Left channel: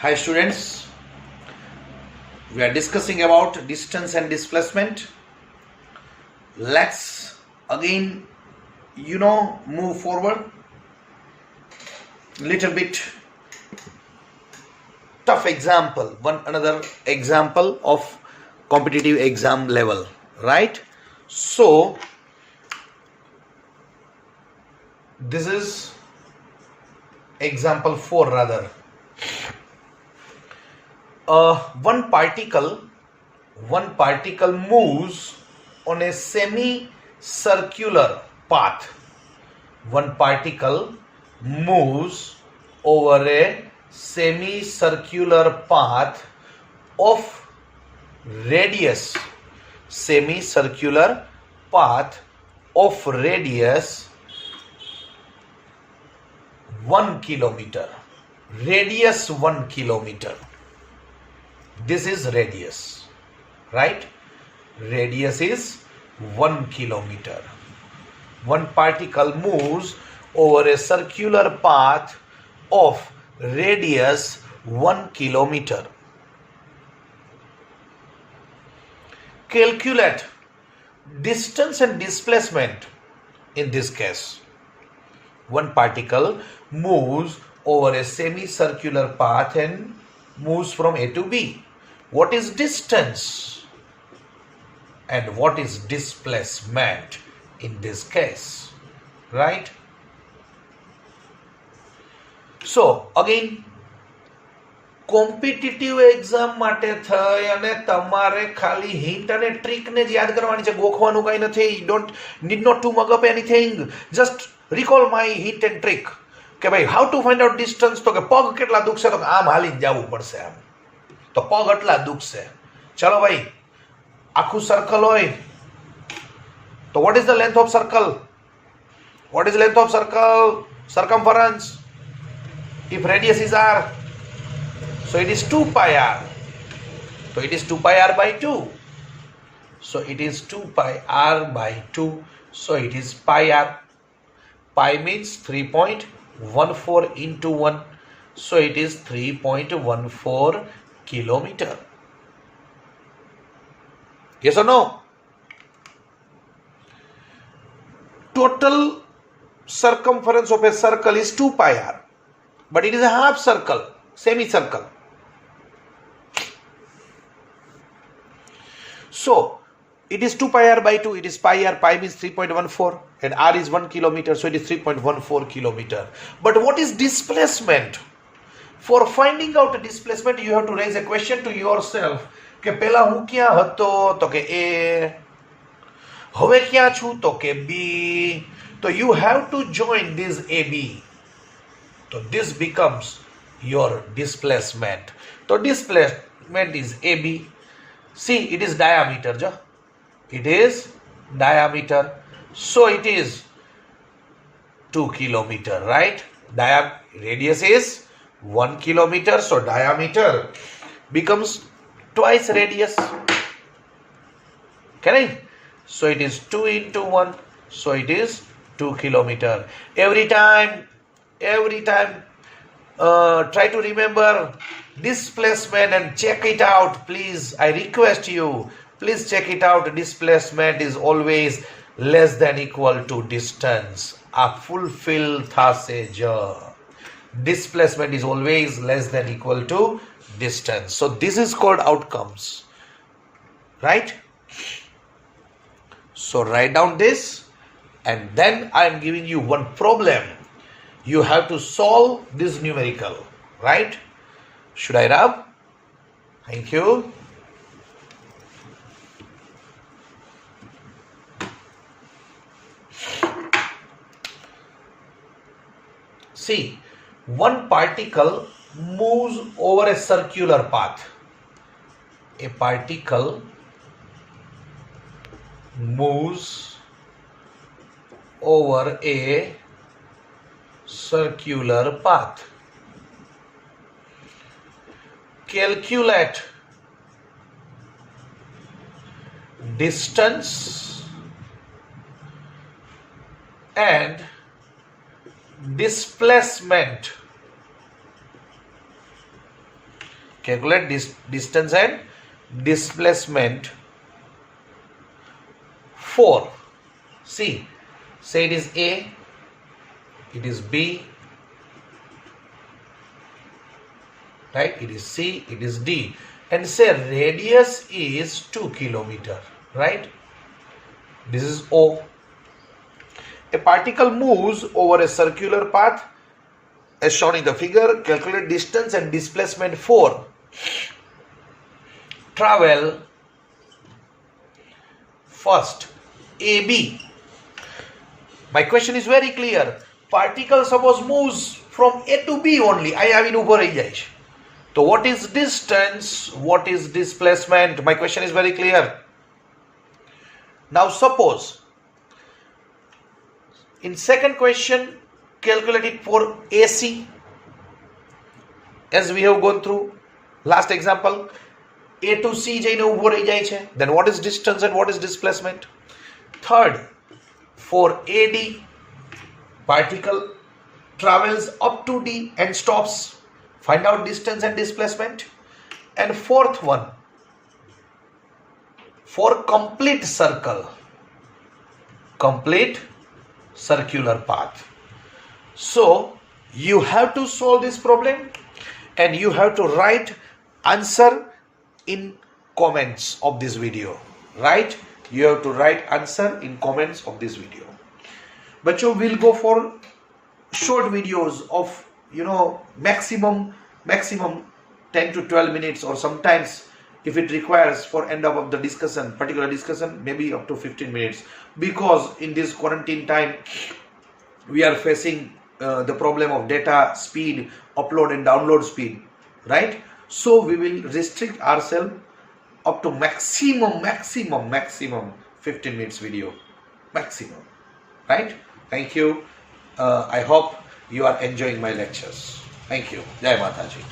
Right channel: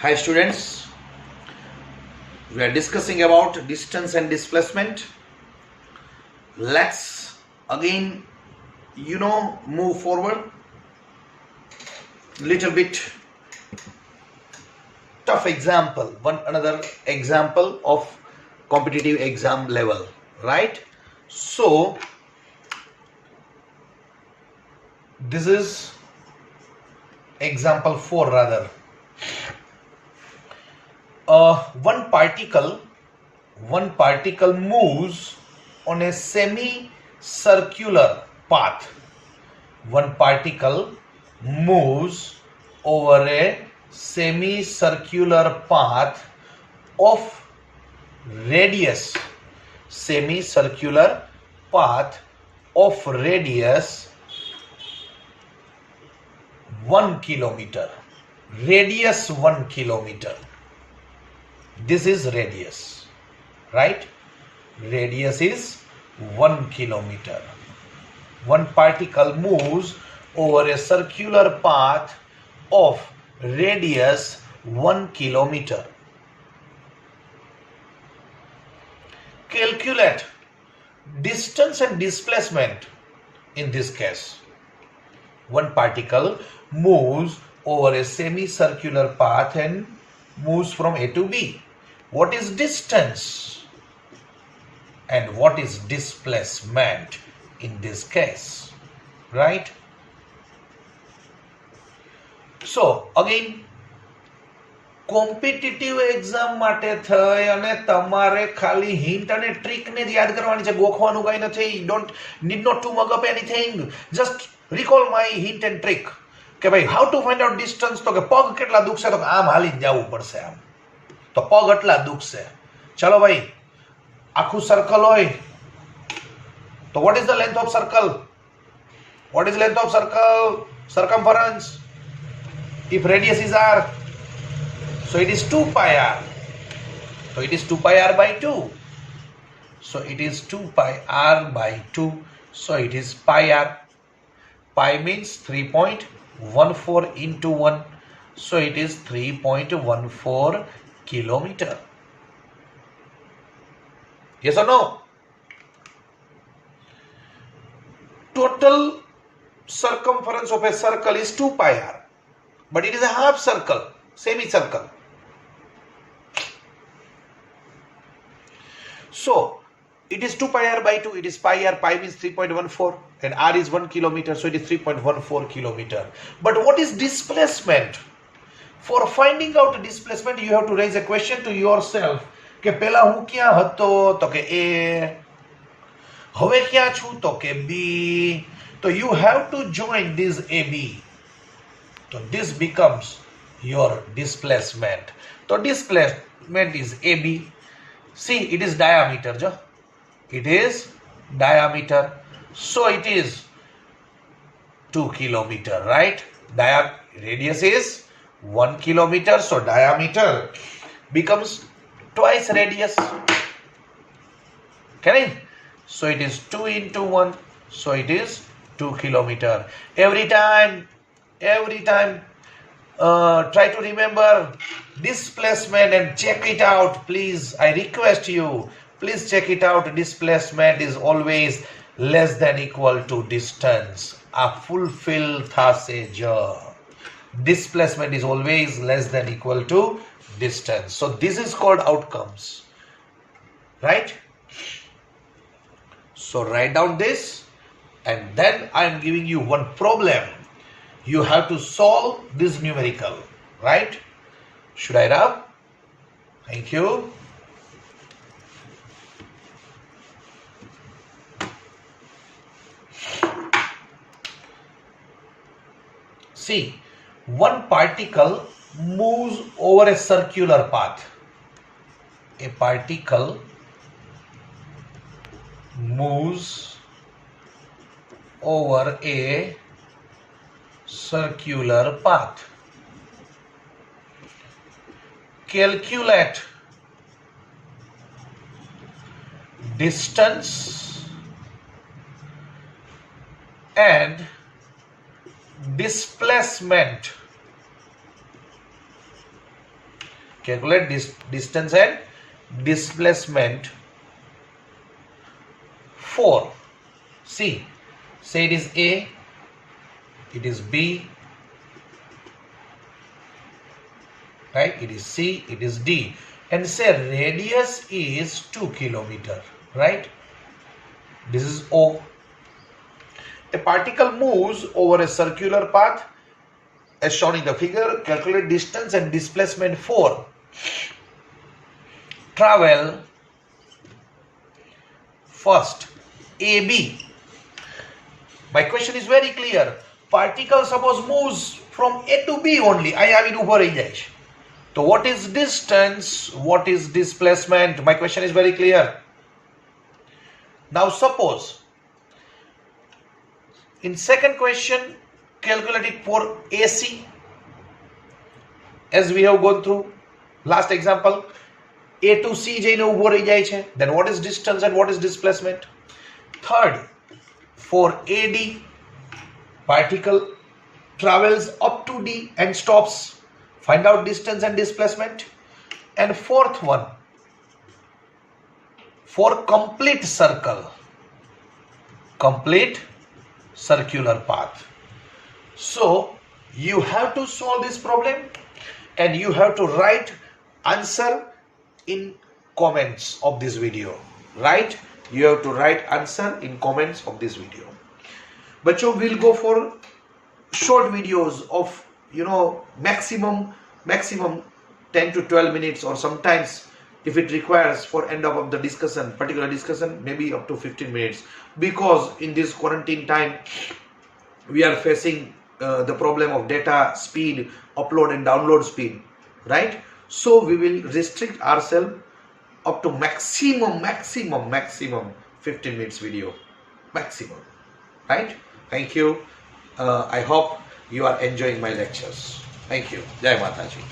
Hi students, we are discussing about distance and displacement. Let's again, move forward. Little bit tough example, one another example of competitive exam level, right? So, this is example 4 rather. One particle moves on a semi-circular path. One particle moves over a semicircular path of radius 1 kilometer. Radius 1 kilometer. This is radius, right? Radius is 1 kilometer. One particle moves over a circular path of radius 1 kilometer. Calculate distance and displacement in this case. One particle moves over a semicircular path and moves from A to B. What is distance and what is displacement in this case, right? So again, competitive exam માટે થઈ અને તમારે ખાલી hint અને ટ્રીકને જ યાદ કરવાની છે, ગોખવાનું કંઈ નથી. Don't need not to mug up anything, just recall my hint and trick કે ભાઈ how to find out distance. તો કે પગ કેટલા દુખશે, તો આમ હાલીને જવું પડશે, આમ તો પગ એટલા દુખશે. ચલો ભાઈ, આખું સર્કલ હોય તો what is the length of circle? What is length of circle? circumference. If radius is r, so it is 2 pi r. So it is 2 pi r by 2. So it is 2 pi r by 2. So it is pi r. Pi means 3.14 into 1. So it is 3.14 kilometer. Yes or no? Total circumference of a circle is 2 pi r. But it is a half circle, semicircle. So, it is 2 pi r by 2, it is pi r, pi means 3.14 and r is 1 kilometer, so it is 3.14 kilometer. But what is displacement? For finding out displacement, you have to raise a question to yourself. કે પહેલા હું ક્યાં હતો? તો કે A. હવે ક્યાં છું? તો કે B. So you have to join this AB. So this becomes your displacement. So displacement is AB. See, it is diameter. It is diameter. So it is 2 kilometer, right? Radius is 1 kilometer. So diameter becomes twice radius. Correct? So it is 2 into 1. So it is 2 kilometer. Every time try to remember displacement and check it out, please. I request you, please check it out. Displacement is always less than equal to distance. A fulfill thase ja. Displacement is always less than equal to distance. So this is called outcomes, right? So write down this, and then I am giving you one problem. You have to solve this numerical, right? Should I rub? Thank you. See, one particle moves over a circular path. A particle moves over a circular path. Calculate distance and displacement Calculate distance and displacement for. See, say it is A, it is B, right? It is C, it is D, and say radius is 2 kilometer, right? This is O. A particle moves over a circular path as shown in the figure. Calculate distance and displacement for. Travel first AB. My question is very clear. Particle suppose moves from A to B only. I આવીને ઊભો રહી જાય છે. So what is distance? What is displacement? My question is very clear. Now suppose in second question calculate it for AC, as we have gone through last example. A to C જઈને ઊભો રહી જાય છે. Then what is distance and what is displacement? Third, for AD, particle travels up to D and stops. Find out distance and displacement. And fourth one, for complete circle, complete circular path. So you have to solve this problem and you have to write answer in comments of this video, right? You have to write answer in comments of this video. Bachcho, we'll go for short videos of maximum 10 to 12 minutes, or sometimes if it requires for end of the discussion, particular discussion, maybe up to 15 minutes, because in this quarantine time we are facing the problem of data speed, upload and download speed, right? So we will restrict ourselves up to maximum 15 minutes video, maximum, right? Thank you. I hope you are enjoying my lectures. Thank you. Jai Mataji.